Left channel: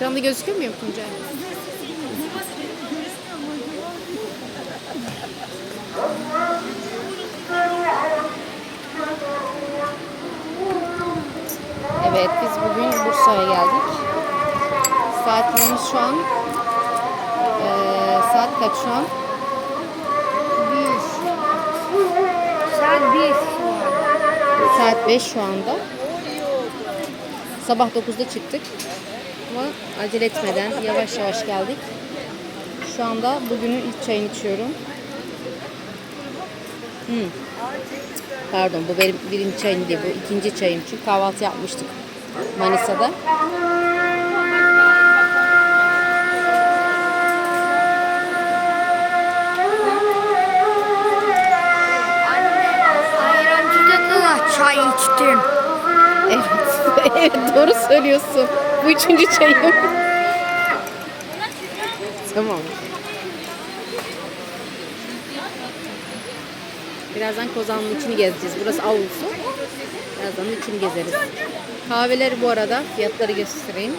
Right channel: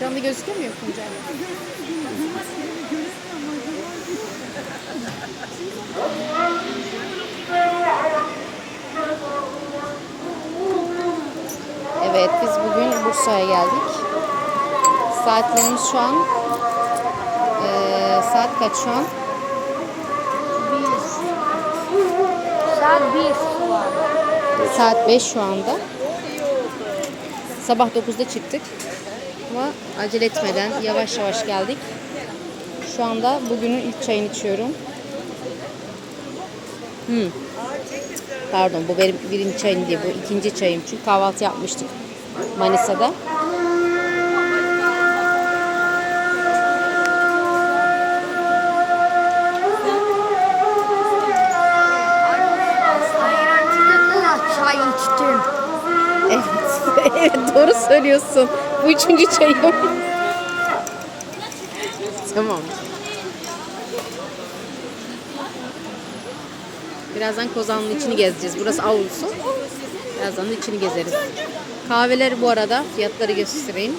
Ekranda gözüküyor mu yok Tuncay? Evet biz bugün Bursa'ya geldik. Saatlerimiz şu an eee, saat kaç şu an? Saat bir. Saat 5 şu anda. Sabah 9'da çıktık. Ama acele etmeden yavaş yavaş geldik. Şu anda bugünün ilk çayını içiyorum. Hmm. Pardon bu benim birinci çayım değil bu ikinci çayım çünkü kahvaltı yapmıştık Manisa'da. Çay içtim. Evet. evet doğru söylüyorsun. Bu üçüncü çayım. tamam. Birazdan Kozan'ın içini gezeceğiz. Burası avlusu. Birazdan da içini gezeriz. Kahveleri bu arada fiyatları göstereyim.